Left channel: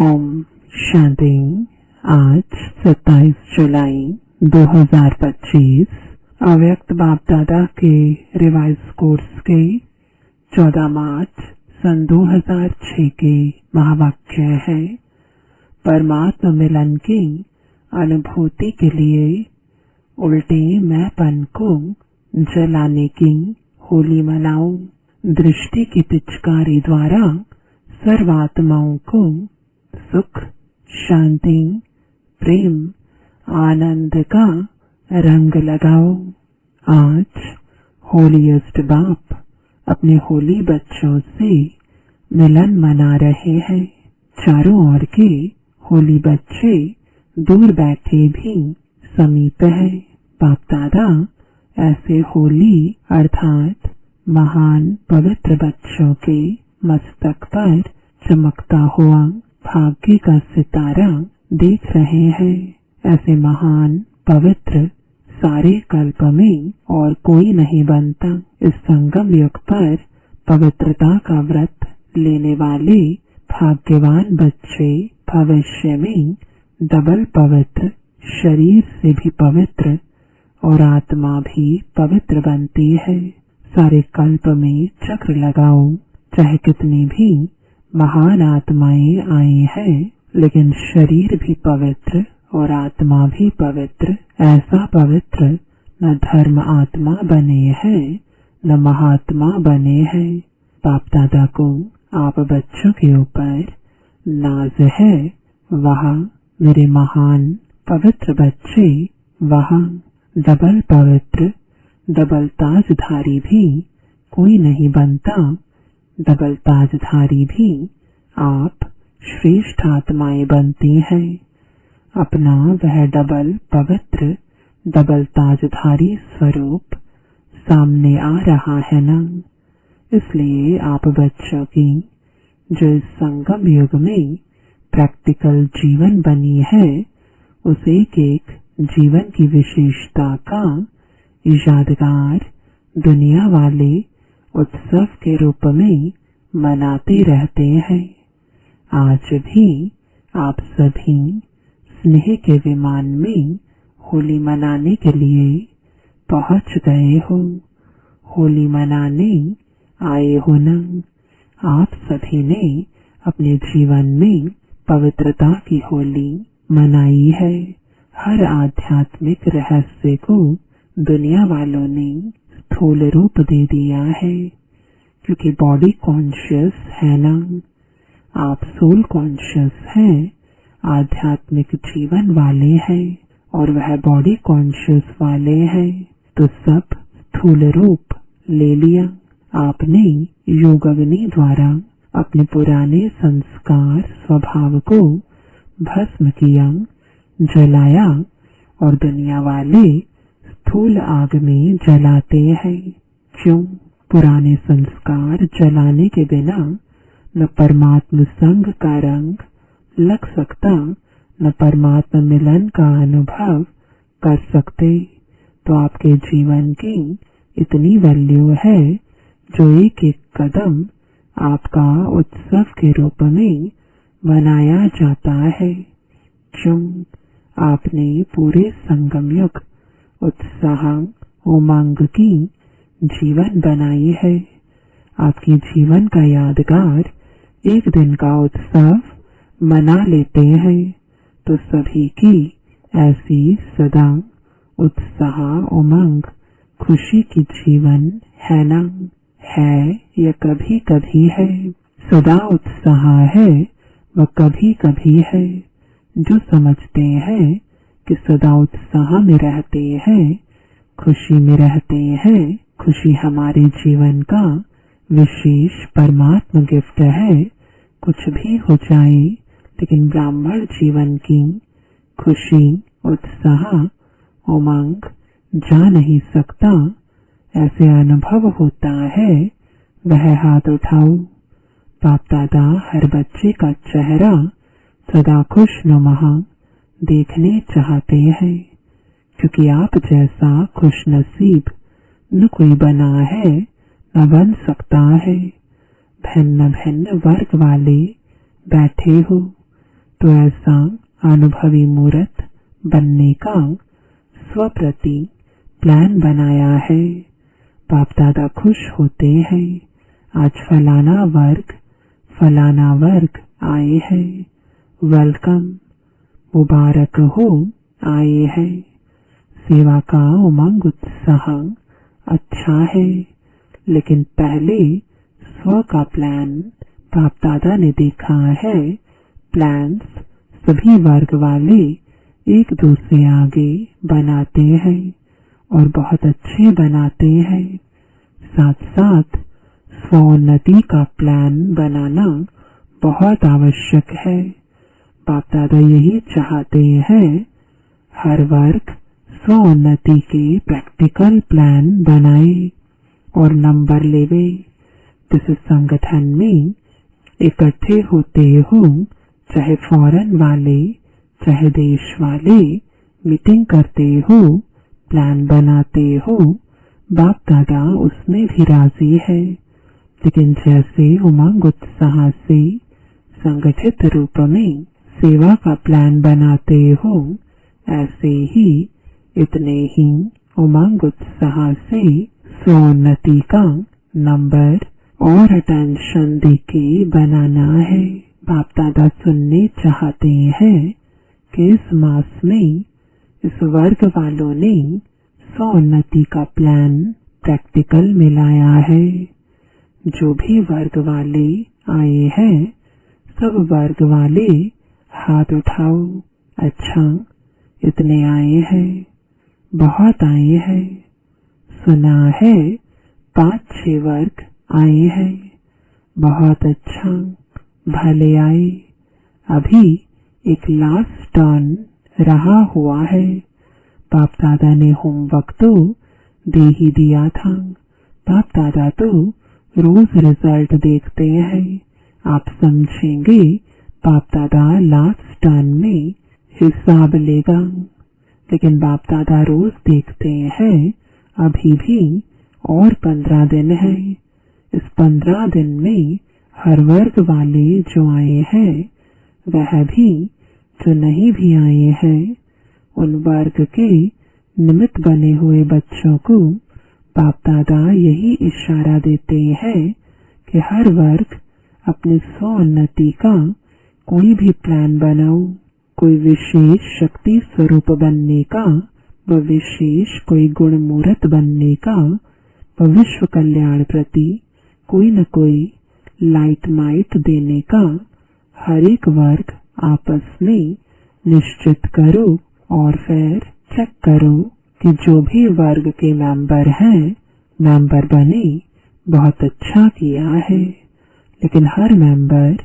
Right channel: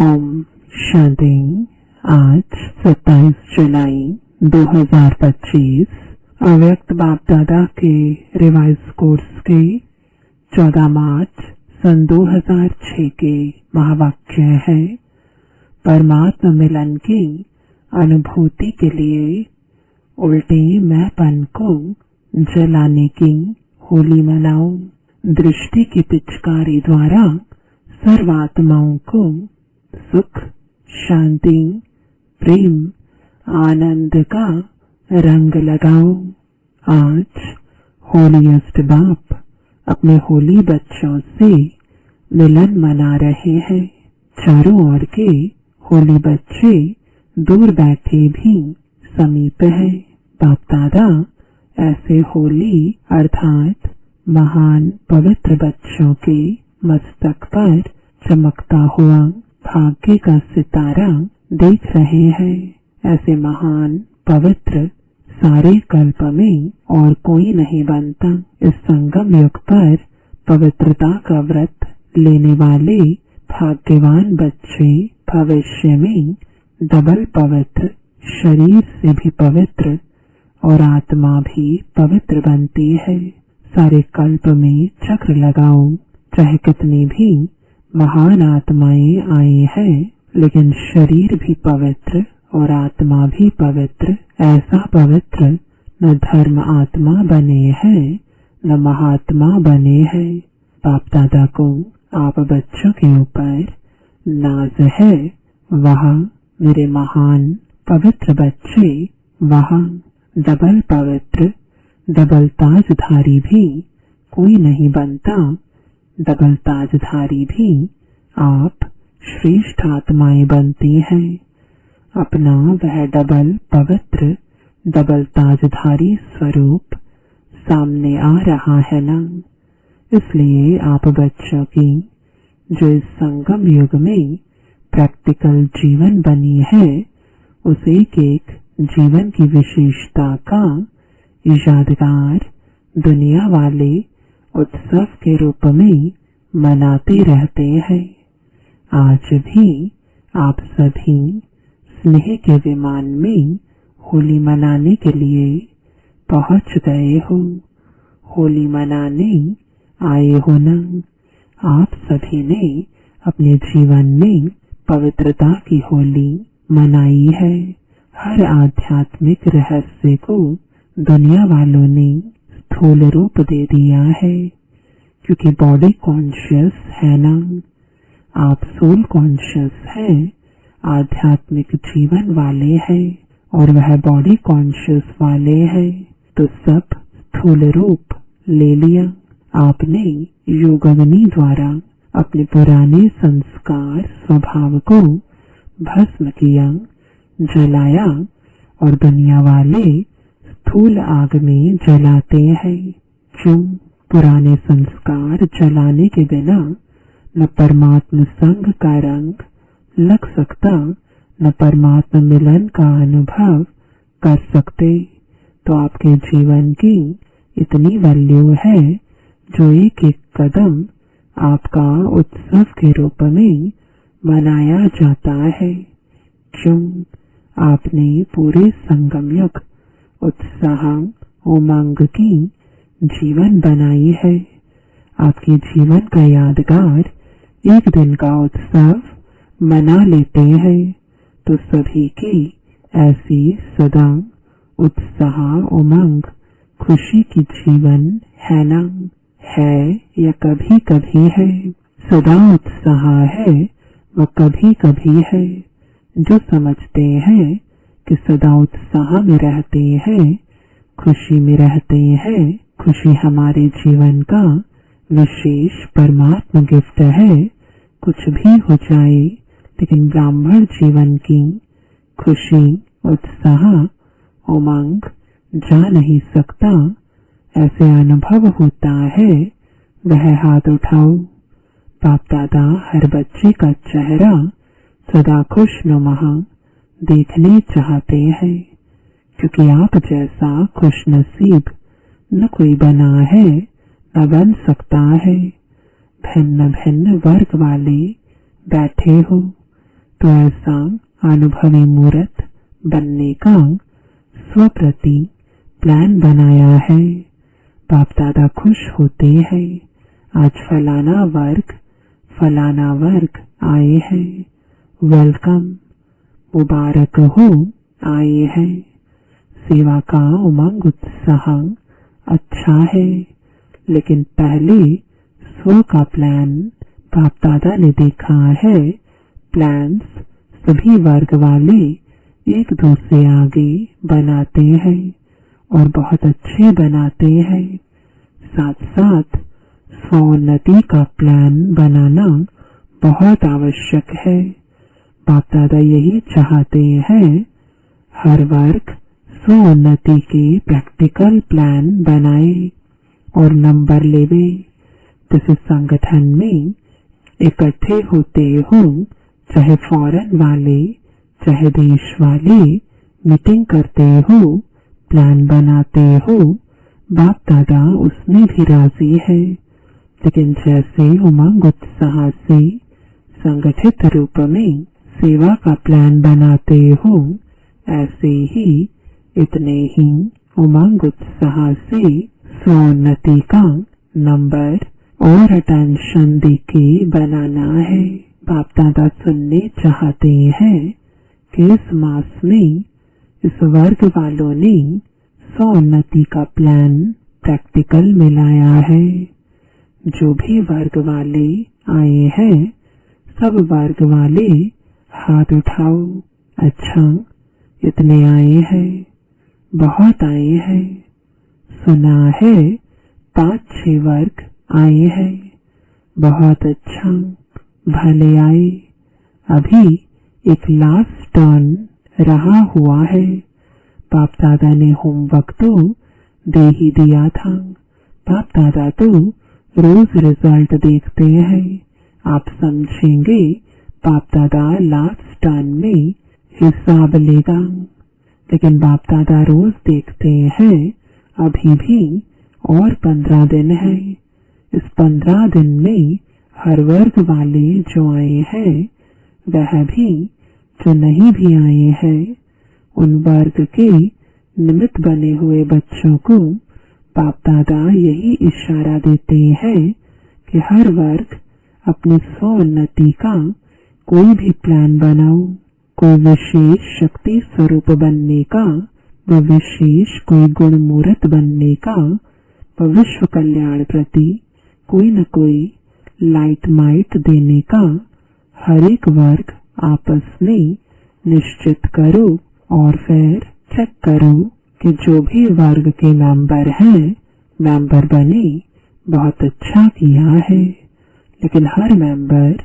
ओम शांति। आज 27 जुलाई 2025 अव्यक्त बाप दादा के रिवाइज कोर्स के 14 मार्च सन 2006 के महावाक्य है। परमात्मा मिलन की अनुभूति के लिए उल्टे मैंपन को जलाने की होली मनाओ। दृष्टि की पिचकारी द्वारा सर्वात्माओं को सुख, शांति, प्रेम, आनंद का रंग लगाओ। आज होलीएस्ट बाप अपने होली बच्चों से मिलन मना रहे हैं। चारों ओर के होली बच्चे दूर बैठे भी समीप हैं। बाप दादा ऐसे होली अर्थात महान पवित्र बच्चों के मस्तक पर चमकता हुआ भाग्य का सितारा देख रहे हैं। ऐसे महान पवित्र सारे कल्प में और कोई नहीं बनता। इस संगम युग पर पवित्रता का व्रत लेने वाले भाग्यवान बच्चे भविष्य में डबल पवित्र, शरीर से भी पवित्र और आत्मा भी पवित्र बनती है। सारे कल्प में चक्र लगाओ। चाहे कितनी भी महान आत्माएं आई हैं, लेकिन शरीर भी पवित्र और आत्मा भी पवित्र। ऐसा पवित्र न धर्म आत्मा बने हैं न महात्मा बने हैं। बाप दादा को आप बच्चों के ऊपर नाज है। वहाँ मेरे महान पवित्र बच्चे, वहाँ डबल पवित्र, डबल ताजधारी भी कोई नहीं बनता। डबल ताजधारी भी आप श्रेष्ठ आत्माएं बनती हैं। अपना वह डबल पवित्र, डबल ताजधारी स्वरूप सामने आ रहा है ना। इसलिए आप बच्चों की जो इस संगम युग में प्रैक्टिकल जीवन बनी है, उस एक एक जीवन की विशेषता का यादगार दुनिया वाले उत्सव के रूप में मनाते रहते हैं। आज भी आप सभी स्नेह के विमान में होली मनाने के लिए पहुंच गए हो। होली मनाने आए हो ना। आप सभी ने अपने जीवन में पवित्रता की होली मनाई है। हर आध्यात्मिक रहस्य को दुनिया वालों ने स्थूल रूप दे दिया है, क्योंकि बॉडी कॉन्शियस है ना। आप सोल कॉन्शियस हैं, आध्यात्मिक जीवन वाले हैं और वह बॉडी कॉन्शियस वाले हैं, तो सब स्थूल रूप ले लिया। आपने योगाग्नि द्वारा अपने पुराने संस्कार स्वभाव को भस्म किया, जलाया और दुनिया वाले स्थूल आग में जलाते हैं। क्यों? पुराने संस्कार जलाने के बिना न परमात्मा संग का रंग लग सकता, न परमात्मा मिलन का अनुभव कर सकते। तो आपके जीवन की इतनी वैल्यू है, जो एक एक कदम आपका उत्सव के रूप में मनाया जाता है। क्यों? आपने पूरे संगम युग उत्साह उमंग की जीवन बनाई है। आपके जीवन का यादगार एक दिन का उत्सव मना लेते हैं, तो सभी की ऐसी सदा उत्साह उमंग खुशी की जीवन है ना। है या कभी कभी है। सदा उत्साह है व कभी कभी है। जो समझते हैं कि सदा उत्साह में रहते हैं, खुशी में रहते हैं, खुशी हमारे जीवन का विशेष परमात्मा गिफ्ट है। कुछ भी हो जाए, लेकिन ब्राह्मण जीवन की खुशी, उत्साह, उमंग जा नहीं सकता। ऐसे अनुभव होता है। वह हाथ उठाओ। बाप दादा हर बच्चे का चेहरा सदा खुशनुमा देखने चाहते हैं, क्योंकि आप जैसा खुशनसीब न कोई बना है न बन सकता है। भिन्न भिन्न वर्ग वाले बैठे हो, तो ऐसा अनुभवी मूर्त बनने का स्वप्रति प्लान बनाया है। बाप दादा खुश होते हैं, आज फलाना वर्ग आए हैं, वेलकम, मुबारक हो आए हैं। सेवा का उमंग उत्साह अच्छा है, लेकिन पहले स्व का प्लान बाप दादा ने देखा है। प्लान्स सभी वर्ग वाले एक दूसरे आगे बनाते हैं और बहुत अच्छे बनाते हैं। साथ साथ स्वोन्नति का प्लान बनाना बहुत आवश्यक है। बाप दादा यही चाहते हैं, हर वर्ग स्वोन्नति के प्रैक्टिकल प्लान बनाए और नंबर लेवे। जैसे संगठन में इकट्ठे होते हो, चाहे फॉरेन वाले चाहे देश वाले, मीटिंग करते हो, प्लान बनाते हो, बाप दादा उसमें भी राजी है। लेकिन जैसे उमंग उत्साह से संगठित रूप में सेवा का प्लान बनाते हो, ऐसे ही इतने ही उमंग उत्साह से स्वोन्नति का नंबर और अटेंशन देके बनाना है। बाप दादा सुनने चाहते हैं कि इस मास में इस वर्ग वालों ने स्वोन्नति का प्लान प्रैक्टिकल में लाया है। जो भी वर्ग वाले आए हैं, सब वर्ग वाले हाथ उठाओ। अच्छा, इतने आए हैं, बहुत आए हैं। सुना है 5-6 वर्ग आए हैं, बहुत अच्छा, भले आए। अभी एक लास्ट टर्न रहा हुआ है। बाप दादा ने होमवर्क तो दे ही दिया था। बाप दादा तो रोज रिजल्ट देखते हैं। आप समझेंगे बाप दादा लास्ट टर्न में हिसाब लेगा, लेकिन बाप दादा रोज देखते हैं। अभी भी और 15 दिन है। इस 15 दिन में हर वर्ग वाले जो आए हैं, वह भी जो नहीं भी आए हैं, उन वर्ग के निमित्त बने हुए बच्चों को बाप दादा यही इशारा देते हैं कि हर वर्ग अपनी स्वोन्नति का कोई भी प्लान बनाओ। कोई विशेष शक्ति स्वरूप बनने का, व विशेष कोई गुण मूर्त बनने का, व विश्व कल्याण प्रति कोई न कोई लाइट माइट देने का हर एक वर्ग आपस में निश्चित करो और फिर चेक करो कि जो भी वर्ग के मेंबर हैं, मेंबर बने, बहुत अच्छा किया है। लेकिन हर मेंबर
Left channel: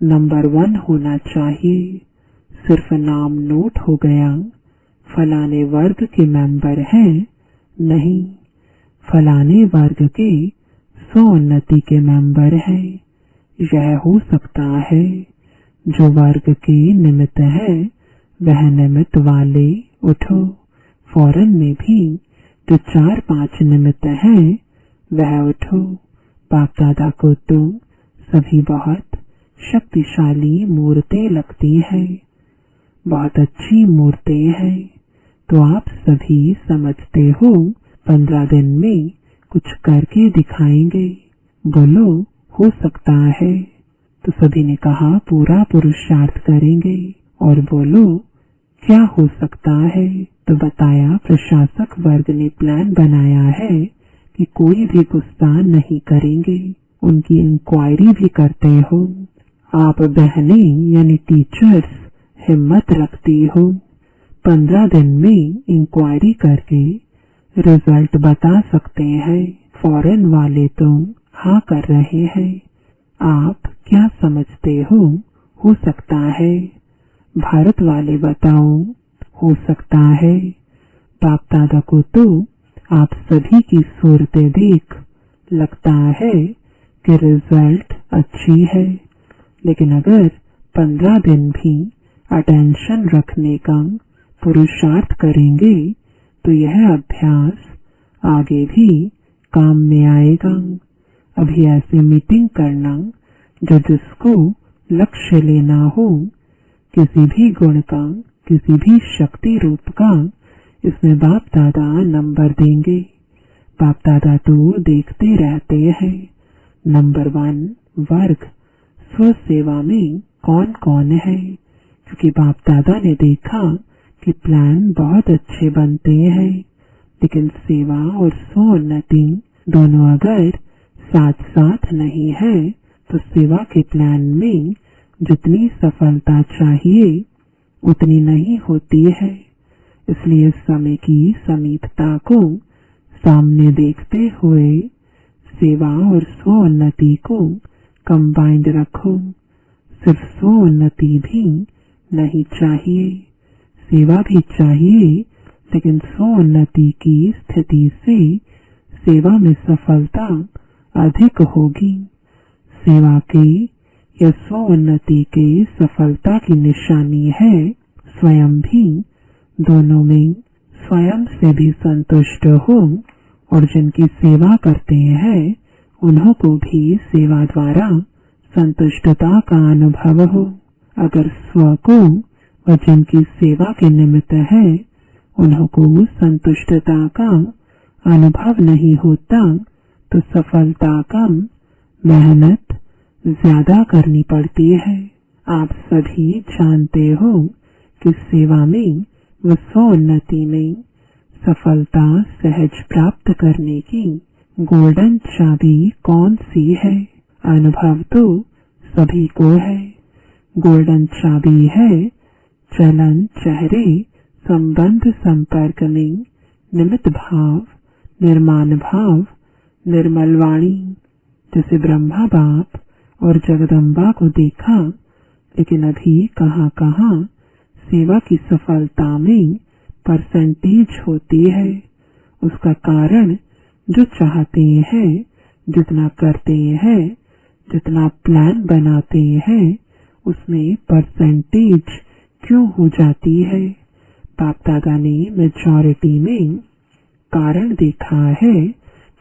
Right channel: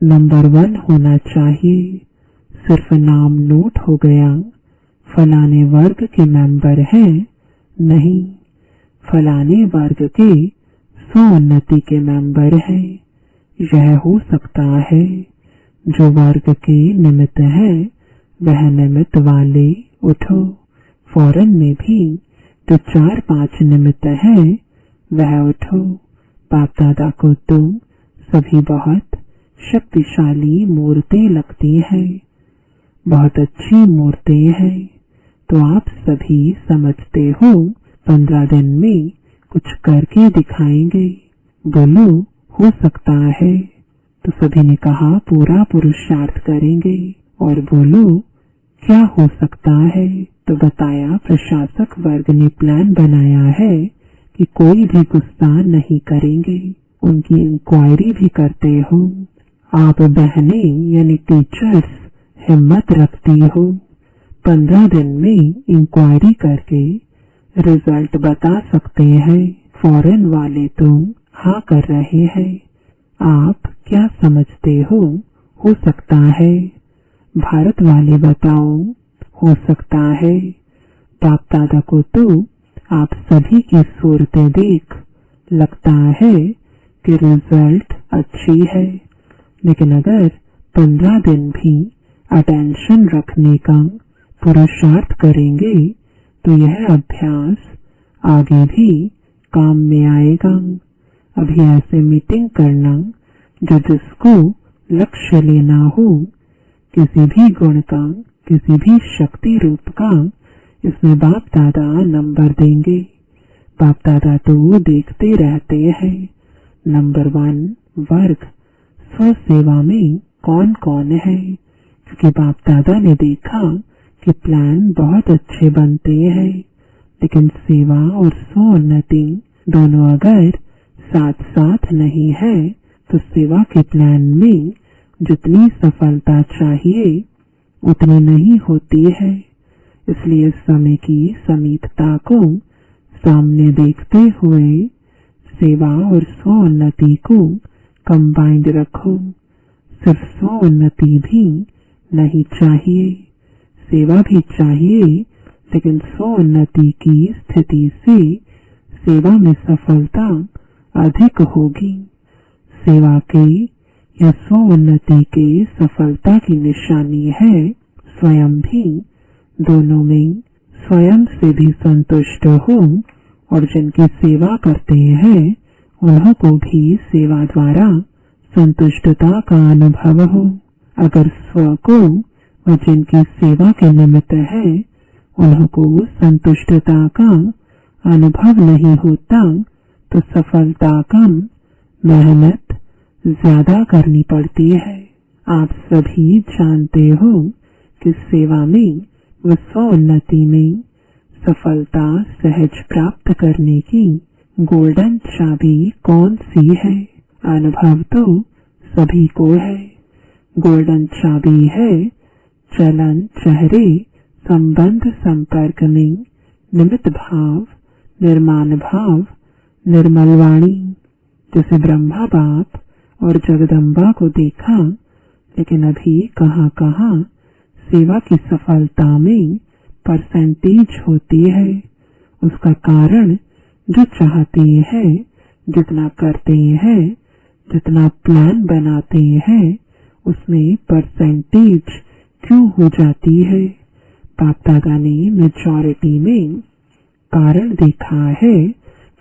नंबर 1 होना चाहिए। सिर्फ नाम नोट हो गया, फलाने वर्ग के मेंबर हैं, नहीं, फलाने वर्ग के स्वोन्नति के मेंबर हैं। यह हो सकता है जो वर्ग के निमित्त है, वह निमित्त वाले उठो। फॉरेन में भी जो 4-5 निमित्त है, वह उठो। बाप दादा को तो सभी बहुत शक्तिशाली मूर्तें लगती है, बहुत अच्छी मूर्तें हैं। तो आप सभी समझते हो 15 दिन में कुछ करके दिखाएंगे। बोलो, हो सकता है। तो सभी ने कहा पूरा पुरुषार्थ करेंगे। और बोलो, क्या हो सकता है? तो बताया प्रशासक वर्ग ने प्लान बनाया है कि कोई भी गुस्सा नहीं करेंगे, उनकी इंक्वायरी भी करते हो। आप बहनें यानी टीचर्स हिम्मत रखती हो, 15 दिन में इंक्वायरी करके रिजल्ट बता सकते हैं। फॉरेन वाले तो हाँ कर रहे हैं। आप क्या समझते हो सकता है? भारत वाले बताओ, हो सकता है। बाप दादा को तो आप सभी की सूरतें देख लगता है कि रिजल्ट अच्छी है, लेकिन अगर 15 दिन भी अटेंशन रखने का पुरुषार्थ करेंगे तो यह अभ्यास आगे भी काम में आएगा। अभी ऐसे मीटिंग करना जो जिसको लक्ष्य लेना हो, किसी भी गुण का, किसी भी शक्ति रूप का इसमें बाप दादा नंबर देंगे। बाप दादा तो देखते रहते हैं। नंबर 1 वर्ग, स्व सेवा में कौन कौन है। क्योंकि बाप दादा ने देखा कि प्लान बहुत अच्छे बनते हैं, लेकिन सेवा और स्वोन्नति दोनों अगर साथ साथ नहीं है तो सेवा के प्लान में जितनी सफलता चाहिए उतनी नहीं होती है। इसलिए समय की समीपता को सामने देखते हुए सेवा और स्वोन्नति को कंबाइंड रखो। सिर्फ स्वोन्नति भी नहीं चाहिए, सेवा भी चाहिए, लेकिन स्वोन्नति की स्थिति से सेवा में सफलता अधिक होगी। सेवा के या स्वोन्नति के सफलता की निशानी है स्वयं भी दोनों में स्वयं से भी संतुष्ट हो और जिनकी सेवा करते हैं उन्हों को भी सेवा द्वारा संतुष्टता का अनुभव हो। अगर स्व को और जिनकी सेवा के निमित्त है उन्हों को संतुष्टता का अनुभव नहीं होता तो सफलता कम, मेहनत ज्यादा करनी पड़ती है। आप सभी जानते हो कि सेवा में व स्वोन्नति में सफलता सहज प्राप्त करने की गोल्डन चाबी कौन सी है। अनुभव तो सभी को है। गोल्डन चाबी है चलन चेहरे संबंध संपर्क में निमित्त भाव, निर्माण भाव, निर्मल वाणी। जैसे ब्रह्मा बाप और जगदम्बा को देखा, लेकिन अभी कहाँ कहाँ सेवा की सफलता में परसेंटेज होती है। उसका कारण जो चाहते हैं, जितना करते हैं, जितना प्लान बनाते हैं, उसमें परसेंटेज क्यों हो जाती है। बाप दादा ने मेजॉरिटी में कारण देखा है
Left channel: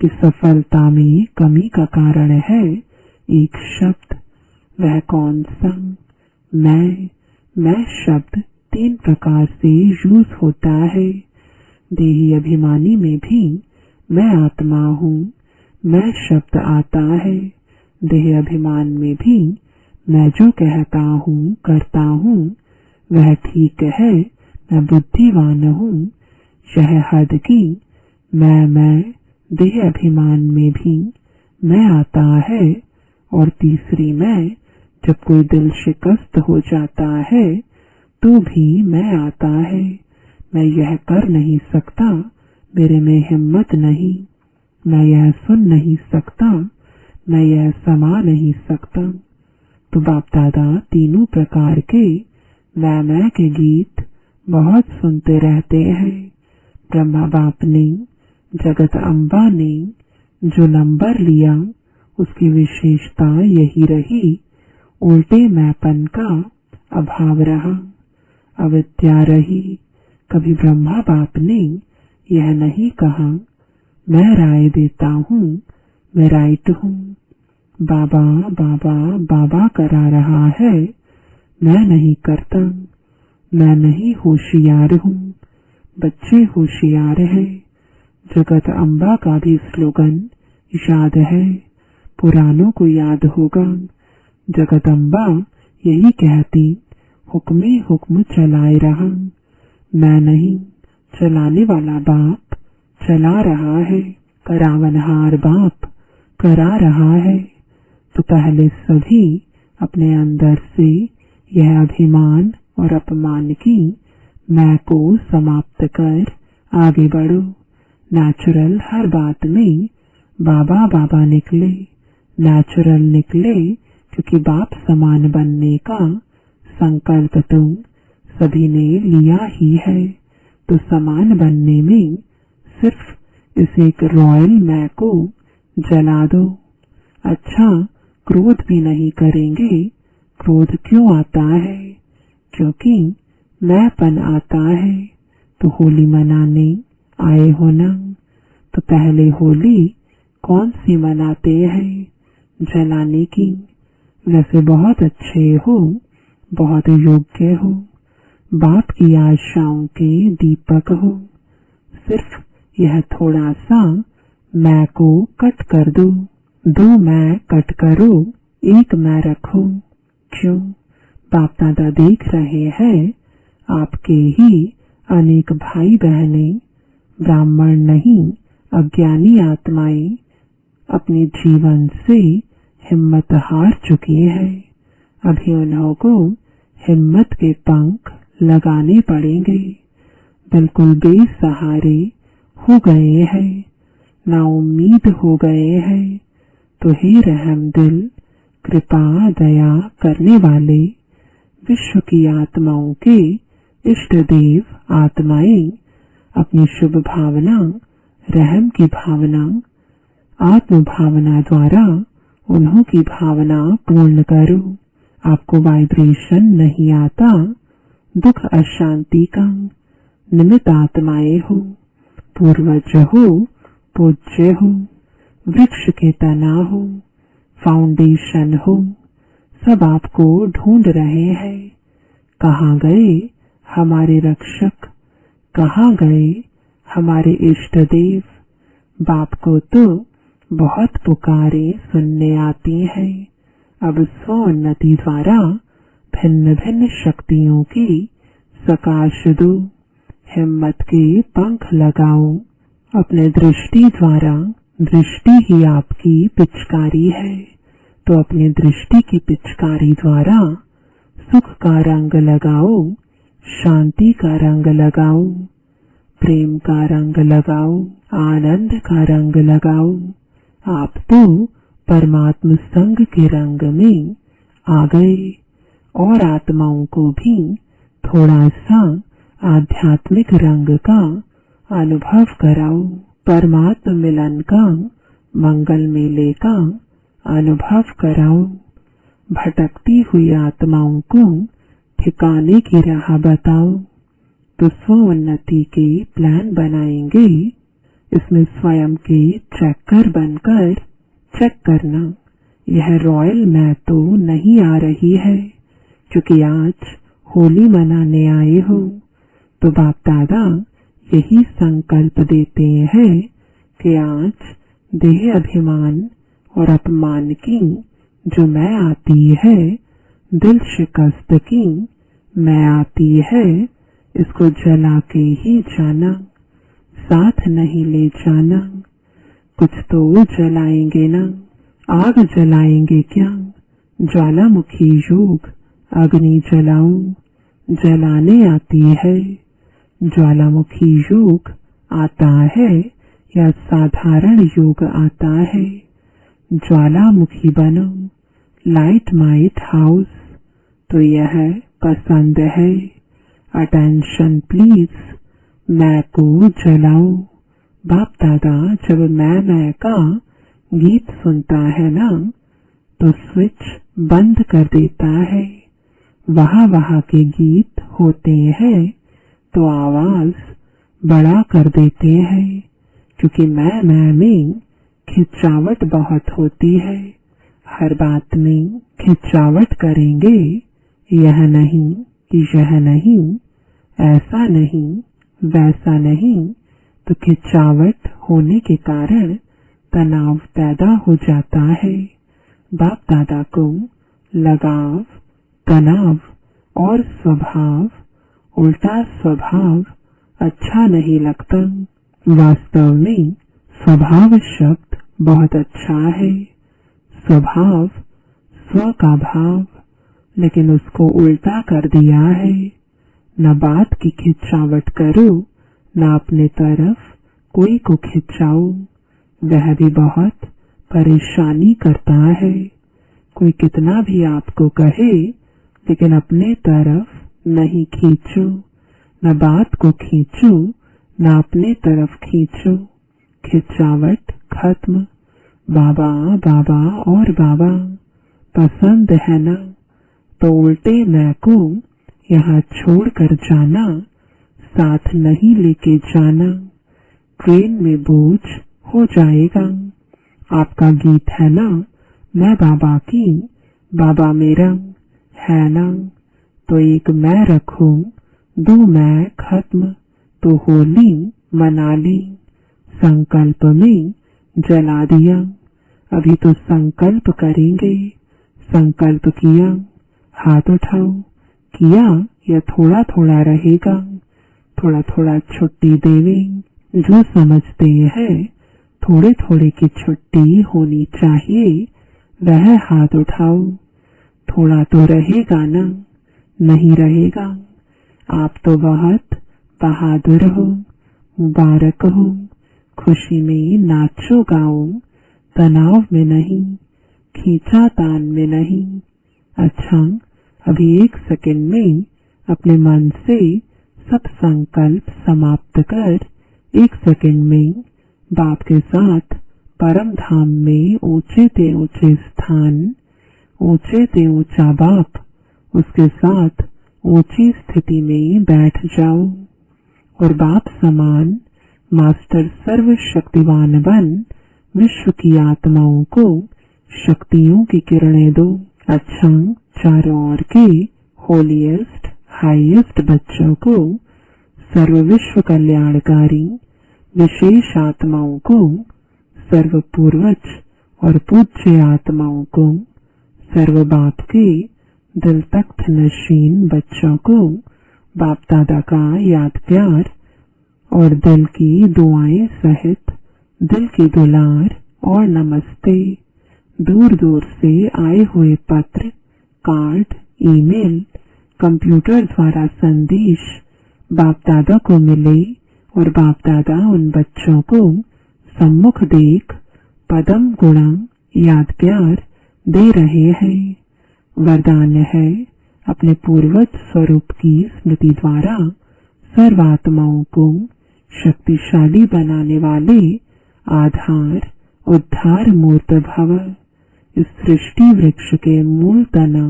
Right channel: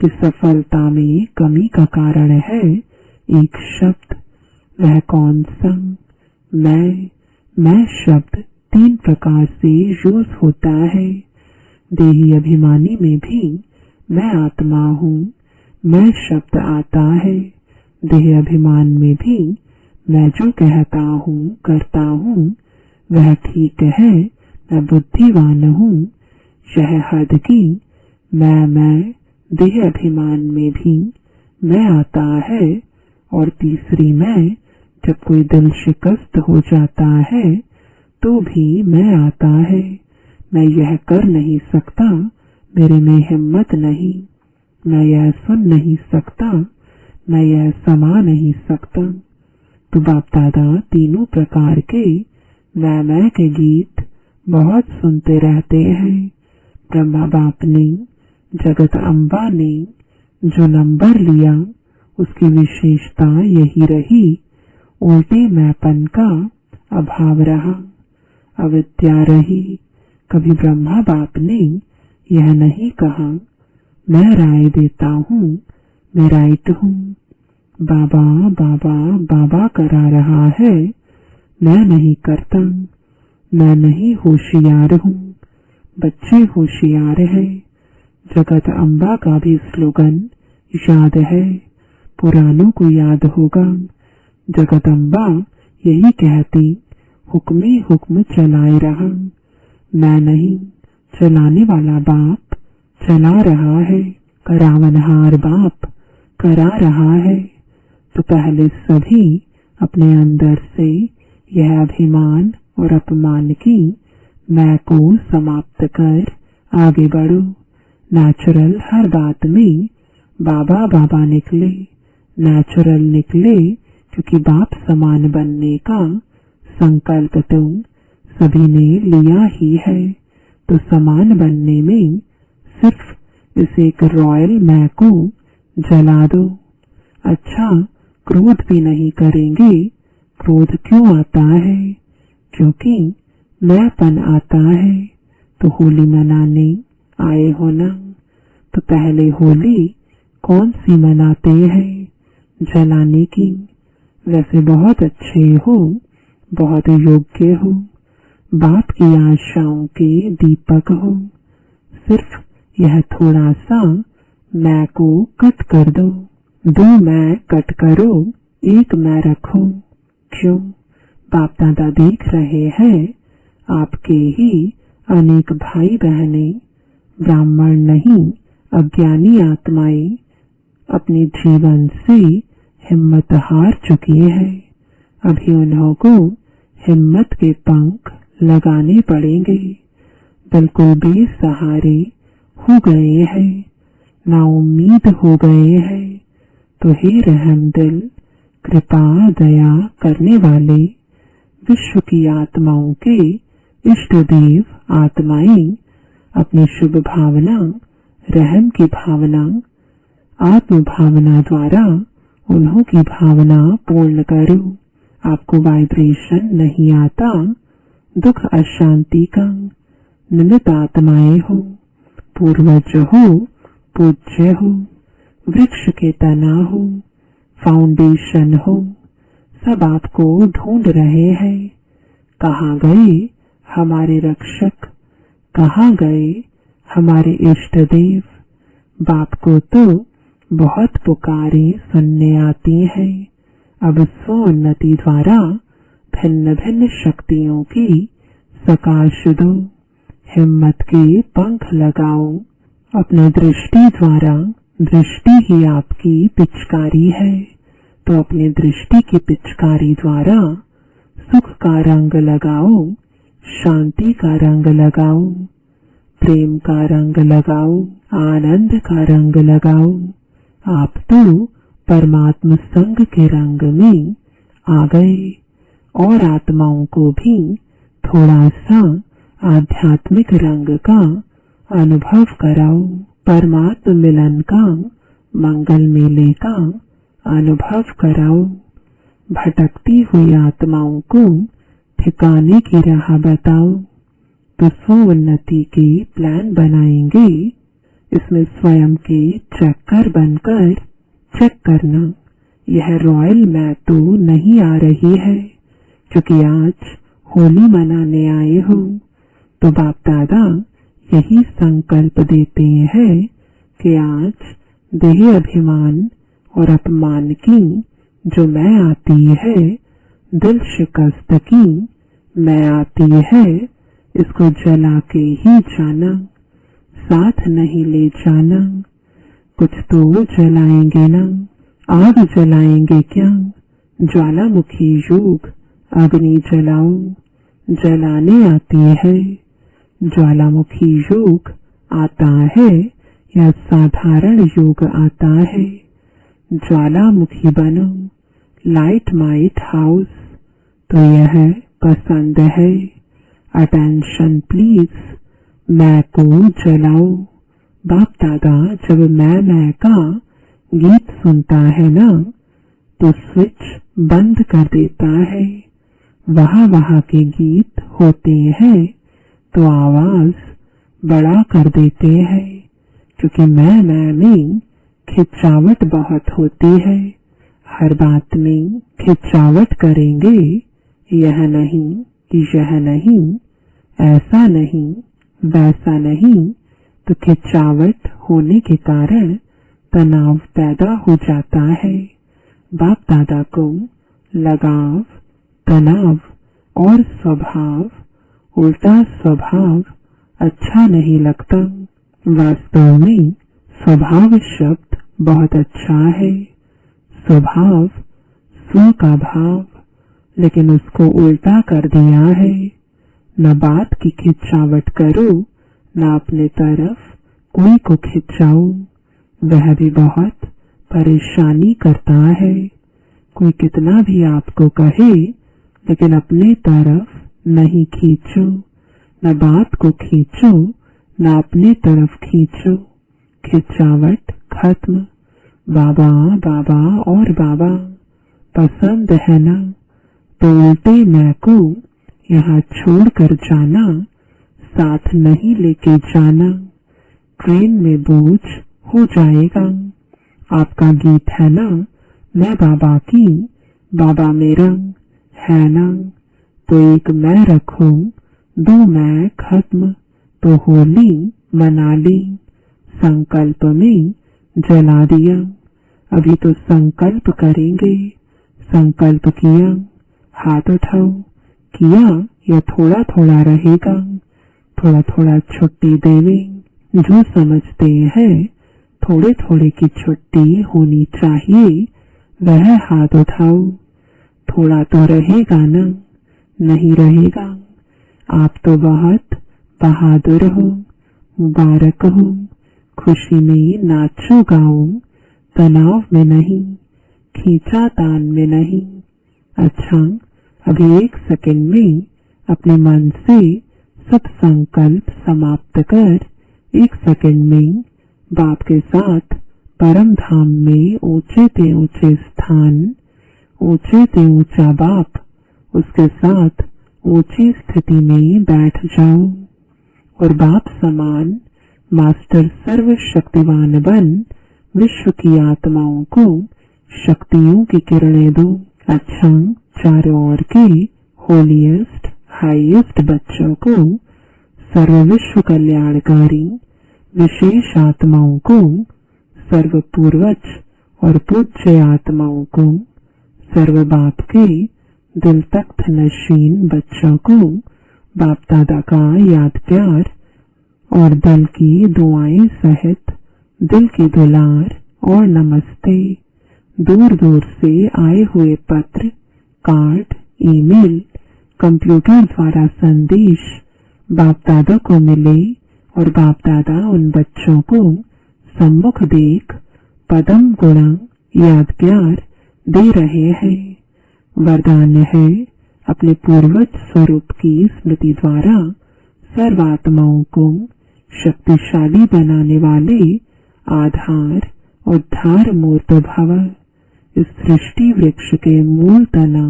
कि सफलता में कमी का कारण है एक शब्द। वह कौन सा? मैं शब्द 3 प्रकार से यूज होता है। देही अभिमानी में भी मैं आत्मा हूँ, मैं शब्द आता है। देह अभिमान में भी मैं जो कहता हूँ, करता हूँ, वह ठीक है, मैं बुद्धिमान हूँ। यह हद की मैं देह अभिमान में भी मैं आता है। और तीसरी मैं, जब कोई दिल शिकस्त हो जाता है तो भी मैं आता है। मैं यह कर नहीं सकता, मेरे में हिम्मत नहीं, मैं यह सुन नहीं सकता, मैं यह समा नहीं सकता। तो बाप दादा तीनों प्रकार के मैं के गीत बहुत सुनते रहते हैं। ब्रह्मा बाप ने, जगत अम्बा ने जो नंबर लिया उसकी विशेषता यही रही, उल्टे मैंपन का अभाव रहा, अविद्या रही। कभी ब्रह्मा बाप ने यह नहीं कहा मैं राय देता हूँ, मैं राइट हूँ। बाबा बाबा बाबा करा रहा है, मैं नहीं करता, मैं नहीं होशियार हूँ। बच्चे होशियार है। जगत अम्बा का भी स्लोगन याद है, पुरानों को याद होगा। जगदम्बा यही कहती, हुक्मे हुक्म चलाए रहा। मैं नहीं, चलाने वाला बाप चला रहा है, करावनहार बाप करा रहा है। तो पहले सभी अपने अंदर से यह अभिमान और अपमान की मैं को समाप्त कर आगे बढ़ो। नेचुरल हर बात में बाबा बाबा निकले, नेचुरल निकले क्योंकि बाप समान बनने का संकल्प तो सभी ने लिया ही है। तो समान बनने में सिर्फ इस एक रॉयल मैं को जला दो। अच्छा, क्रोध भी नहीं करेंगे। क्रोध क्यों आता है? क्योंकि मैंपन आता है। तो होली मनाने आए हो ना, तो पहले होली कौन सी मनाते हैं? जलाने की। वैसे बहुत अच्छे हो, बहुत योग्य हो, बाप की आशाओं के दीपक हो। सिर्फ यह थोड़ा सा मैं को कट कर दो, दो मैं कट करो, एक मैं रखो। क्यों? बाप दादा देख रहे हैं आपके ही अनेक भाई बहनें, ब्राह्मण नहीं अज्ञानी आत्माएं अपने जीवन से हिम्मत हार चुकी है। अभी उन्हों को हिम्मत के पंख लगाने पड़ेंगे। बिल्कुल बेसहारे हो गए हैं, नाउम्मीद हो गए हैं। तो हे रहम दिल, कृपा दया करने वाले विश्व की आत्माओं के इष्ट देव आत्माएं अपनी शुभ भावना, रहम की भावना, आत्म भावना द्वारा उन्हों की भावना पूर्ण करो। आपको वाइब्रेशन नहीं आता, दुख अशांति का। निमित्त आत्माएं हो, पूर्वज हो, पूज्य हो, वृक्ष के तना हो, फाउंडेशन हो, सब आपको ढूंढ रहे हैं। कहाँ गए हमारे रक्षक, कहाँ गए हमारे इष्ट देव? बाप को तो बहुत पुकारे सुनने आती है। अब स्वोन्नति द्वारा भिन्न भिन्न शक्तियों की सकाश दो, हिम्मत के पंख लगाओ। अपने दृष्टि द्वारा, दृष्टि ही आपकी पिचकारी है, तो अपनी दृष्टि की पिचकारी द्वारा सुख का रंग लगाओ, शांति का रंग लगाओ, प्रेम का रंग लगाओ, आनंद का रंग लगाओ। आप तो परमात्मा संग के रंग में आ गए। और आत्माओं को भी थोड़ा सा आध्यात्मिक रंग का अनुभव कराओ, परमात्मा मिलन का, मंगल मेले का अनुभव कराओ। भटकती हुई आत्माओं को ठिकाने की राह बताओ। तो स्वोन्नति के प्लान बनाएंगे। इसमें स्वयं के ट्रैकर बनकर चेक करना, यह रॉयल मैं तो नहीं आ रही है, क्योंकि आज होली मनाने आए हो। तो बाप दादा यही संकल्प देते हैं कि आज देह अभिमान और अपमान की जो मैं आती है, दिल शिकस्त की मैं आती है, इसको जला के ही जाना, साथ नहीं ले जाना। कुछ तो जलाएंगे ना, आग जलाएंगे क्या? ज्वालामुखी योग अग्नि जलाओ, जलाने आती है। ज्वालामुखी योग आता है या साधारण योग आता है? ज्वालामुखी बनो, लाइट माइट हाउस। तो यह पसंद है। अटेंशन प्लीज, मैं को जलाओ। बाप दादा जब मैं का गीत सुनता है ना, तो स्विच बंद कर देता है। वहाँ के गीत होते हैं तो आवाज बड़ा कर देते हैं, क्योंकि मैं में खिंचावट बहुत होती है। हर बात में खिंचावट करेंगे, यह नहीं, यह नहीं, ऐसा नहीं, वैसा नहीं, तो खिंचावट होने के कारण तनाव पैदा हो जाता है। बाप दादा को लगाव, तनाव और स्वभाव, उल्टा स्वभाव अच्छा नहीं लगता। वास्तव में स्वभाव शब्द बहुत अच्छा है। स्वभाव स्व का भाव, लेकिन उसको उल्टा कर दिया है। न बात की खिंचावट करो, न अपने तरफ कोई को खिंचाओ, वह भी बहुत परेशानी करता है। कोई कितना भी आपको कहे, लेकिन अपने तरफ नहीं खींचो, न बात को खींचो, न अपने तरफ खींचो। खिंचावट खत्म। बाबा बाबा और बाबा पसंद है ना? तो उल्टे मैं को यहाँ छोड़कर जाना, साथ नहीं लेके जाना। ट्रेन में बोझ हो जाएगा। आपका गीत है ना, मैं बाबा की, बाबा मेरा है ना। तो एक मैं रखूं, 2 मैं खत्म तो होली मना ली। संकल्प में जला दिया, अभी तो संकल्प करेंगे। संकल्प किया, हाथ उठाओ। किया या थोड़ा थोड़ा रहेगा, थोड़ा थोड़ा छुट्टी देवे। जो समझते हैं थोड़े थोड़े की छुट्टी होनी चाहिए, वह हाथ उठाओ। थोड़ा तो रहेगा ना? नहीं रहेगा। आप तो बहुत बहादुर हो, मुबारक हो। खुशी में नाचो गाओ, तनाव में नहीं, खींचातान में नहीं। अच्छा, अभी 1 सेकंड में अपने मन से सब संकल्प समाप्त कर 1 सेकंड में बाप के साथ परम धाम में ऊंचे ते ऊंचे स्थान, ऊंचे ते ऊंचा बाप, उसके साथ ऊंची स्थिति में बैठ जाओ और बाप समान मास्टर सर्वशक्तिवान बन विश्व की आत्माओं को शक्तियों की किरणें दो। अच्छा, चारों ओर के होलीएस्ट हाईएस्ट बच्चों को, सर्व विश्व कल्याणकारी विशेष आत्माओं को, सर्व पूर्वज और पूज्य आत्माओं को, सर्व बाप के दिल तख्त नशीन बच्चों को बाप दादा का याद प्यार और दिल की दुआएं सहित दिल की दुलार और नमस्ते। दूर दूर से आए हुए पत्र, कार्ड, ईमेल, कंप्यूटर द्वारा संदेश बाप दादा को मिले और बाप दादा उन बच्चों को सम्मुख देख पदम गुणा याद प्यार दे रहे हैं। वरदान है अपने पूर्वज स्वरूप की स्मृति द्वारा सर्वात्माओं को शक्तिशाली बनाने वाले आधार उद्धार मूर्त भव। इस सृष्टि वृक्ष के मूल तना,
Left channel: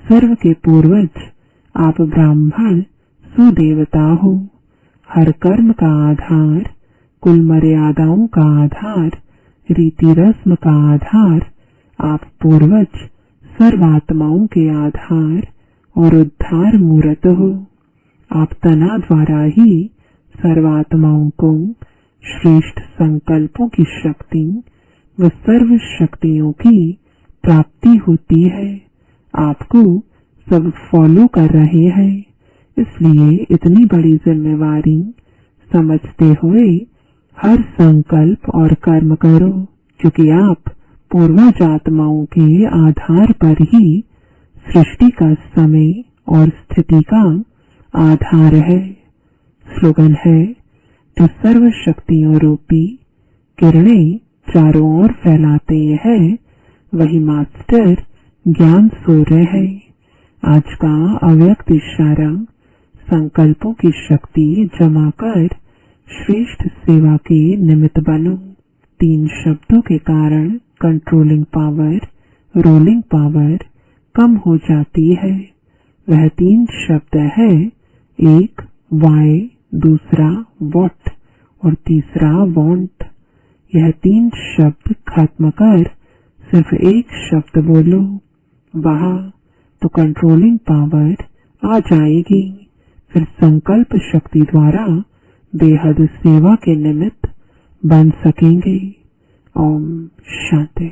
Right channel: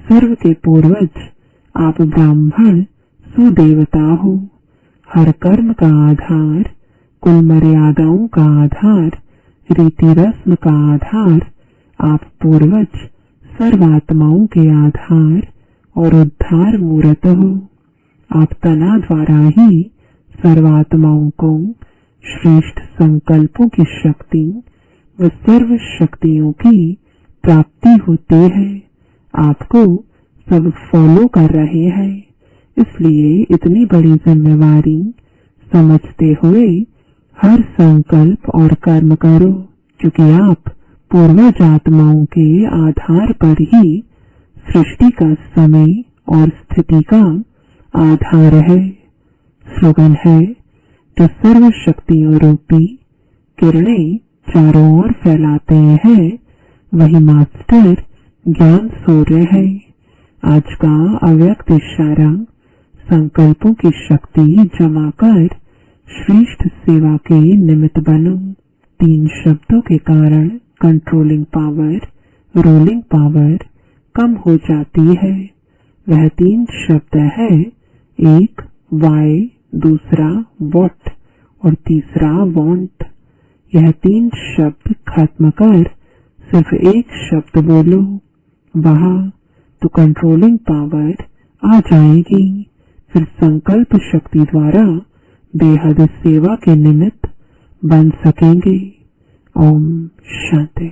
सर्व के पूर्वज आप ब्राह्मण सुदेवता हो। हर कर्म का आधार, कुल मर्यादाओं का आधार, रीति रस्म का आधार आप पूर्वज सर्वात्माओं के आधार और उद्धार मूर्त हो। आप तना द्वारा ही सर्वात्माओं को श्रेष्ठ संकल्पों की शक्ति व सर्व शक्तियों की प्राप्ति होती है। आपको सब फॉलो कर रहे हैं, इसलिए इतनी बड़ी जिम्मेवारी समझते हुए हर संकल्प और कर्म करो, क्योंकि आप पूर्वज आत्माओं के आधार पर ही सृष्टि का समय और स्थिति का आधार है। स्लोगन है जो सर्व शक्तियों रूपी किरणें चारों ओर फैलाते हैं, वही मास्टर ज्ञान सूर्य है। आज का अव्यक्त इशारा, संकल्पों की शक्ति जमा कर श्रेष्ठ सेवा के निमित्त बनो। 3 शब्दों के कारण कंट्रोलिंग पावर, रोलिंग पावर कम हो जाती है। वह 3 शब्द है, एक वाई, दूसरा वॉट और तीसरा वांट। यह 3 शब्द खत्म कर सिर्फ एक शब्द बोलो, वहां तो कंट्रोलिंग पावर आ जाएगी। फिर संकल्प शक्ति द्वारा बेहद सेवा के निमित्त बन सकेंगे। ओम शांति।